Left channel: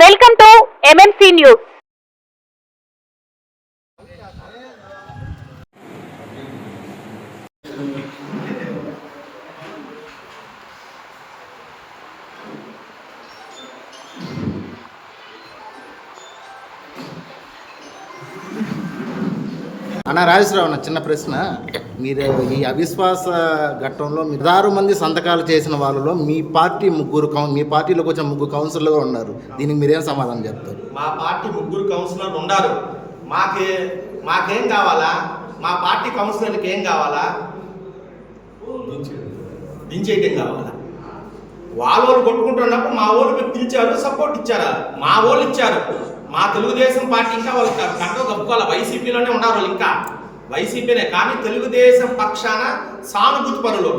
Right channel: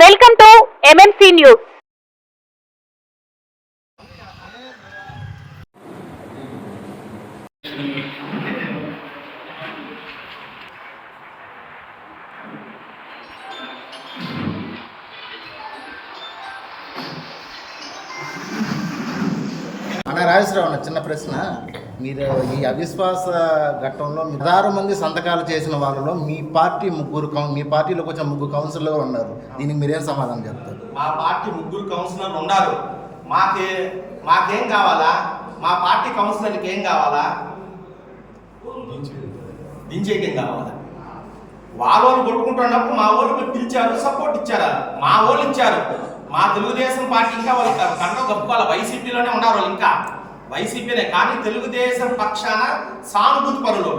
Welcome to MMC news. అన్న రాజేశ్వరరావు, చిన్న ప్రశ్న. మీరు ఈ అవిశ్వాస ఘట్టంలో 16 మంది సంతకాలు చేసిన వాళ్ళలో మీ పార్టీలోకి వచ్చిన ముగ్గురు కౌన్సిలర్లు ఉన్నారు. దీనికి మీరేం సమాధానం చెప్తారు? మా పార్టీ ముగ్గురు కౌన్సిలర్లు ఉన్నారు. మాకేం కావాలా? మా పార్టీ కౌన్సిలర్కి ఏం కావాలా? దించేయటం కావాలా? వాళ్ళు కొట్టుకుంటున్నప్పుడు మా వాళ్ళు పిలిచారు, సపోర్ట్ ఇచ్చారు. మా వాళ్ళు ఇచ్చారు. మా తెలుగుదేశం పార్టీ ఇంకా వాళ్ళు కంటో గప్పుకోవాలి. వైసీపీలోనే ఉన్నారు వాళ్ళు, ఇంకా వైసీపీనే. కానీ తెలుగుదేశం పక్షాన సానుభూతి పరులు,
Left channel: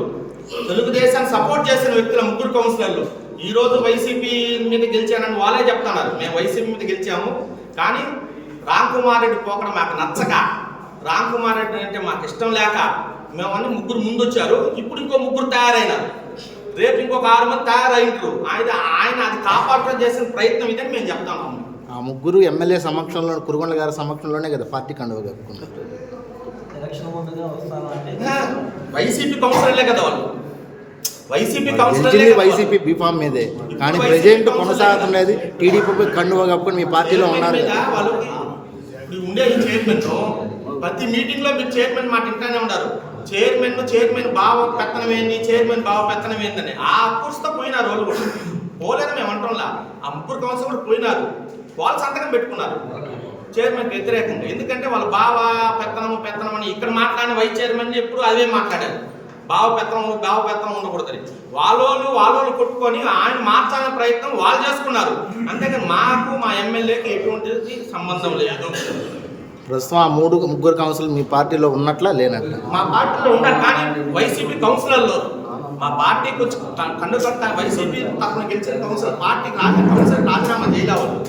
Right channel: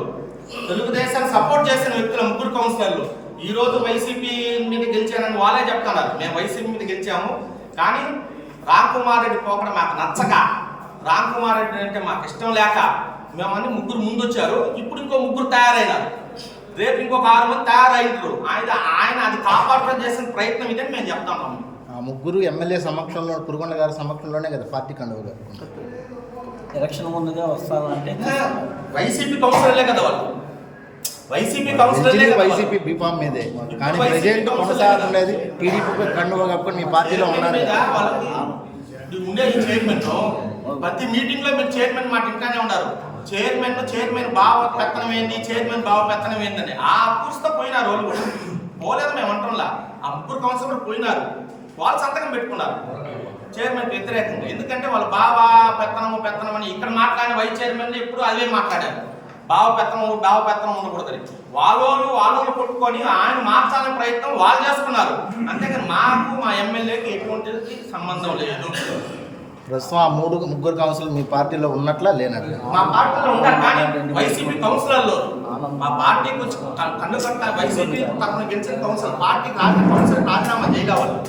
తెలుగుదేశాన్ని సపోర్ట్ చేసిన వ్యక్తుల ముగ్గురు కౌన్సిలర్లు ఈరోజు వైసీపీ మీద గెలిచానని వాళ్ళే చెప్తున్నారు. మేము వైసీపీ మీద గెలిచాము, కానీ రామ్ కుమార్ రెడ్డి పోకడం మాకు నచ్చక, రామ్ కుమార్ రెడ్డి అంటే మాకు ఇష్టం లేక మేము అన్ని ముగ్గురు ముందొచ్చారు. ఇప్పుడు ఇంకో ముగ్గురు తయారైనారు. రేపు ఇంకొక 6 మంది తయారైనరు. ఆయన అది కాపాడటం చేసిన ప్రయత్నం ఇదని మేము చెప్తున్నాము. ఆ ముగ్గురు ఎమ్మెల్యే సమక్షంలో, కురుగొండ గారి సమక్షంలోనే కదా పార్టీ కండువ కప్పుకుంటారు. ఎలక్షన్ ముందుగా వస్తానంటే వైసీపీ కౌన్సిలర్లే కదా వాళ్ళు. వైసీపీ బీఫామ్ మీదే, కానీ ప్రెసిడెంట్ కొనసాగడం లేదు. టీడీపీ కండువ కప్పుకొని మీ పార్టీలో ఉన్నారు. వాళ్ళకి ఇప్పుడు ఉండే ఈ చైర్మన్ ప్రతి మీటింగ్ లో మీరు చైర్మన్ మాట ఇంటానే ఉన్నారు. చైర్మన్ బావ పెత్తనం ఏంది, చైర్మన్ బావ పెత్తనం ఏందని ఆ కూర్చుతో పోయినారు. వాళ్ళు కూడా పోలేదు మేము అంటంలా. ఆ ముగ్గురు కౌన్సిలర్ కూడా పోయినారు. వాళ్ళు సంతకం పెట్టుకున్నారు చైర్మన్కి వ్యతిరేకంగా. ఎందుకంటే వాళ్ళు బావ పెత్తనం అని ఇక్కడ మాట్లాడిన వైస్ చైర్మన్ ఎప్పుడు అదే మాట్లాడారు. బావ పెత్తనం ఉండకూడదని వాళ్ళు కొట్టుకొని ఆయన మార్చాలనే ప్రయత్నం వాళ్ళు చేసుకున్నారు. అంతేకాని మాకు మా ఎమ్మెల్యేకి ఎటువంటి సంబంధం లేదు. ప్రస్తుతం ఆ ముగ్గురు కౌన్సిలర్ మీ పార్టీలో ఉన్నట్లా లేనట్ల? మా పార్టీలో ఉన్నారు, కానీ వైసీపీ కౌన్సిలర్లో మా పార్టీకి వచ్చి వైసీపీ తరఫున గెలిచిన కౌన్సిలర్ పార్టీకి కౌన్సిలర్ రాజీనామా చేయలే వాళ్ళు.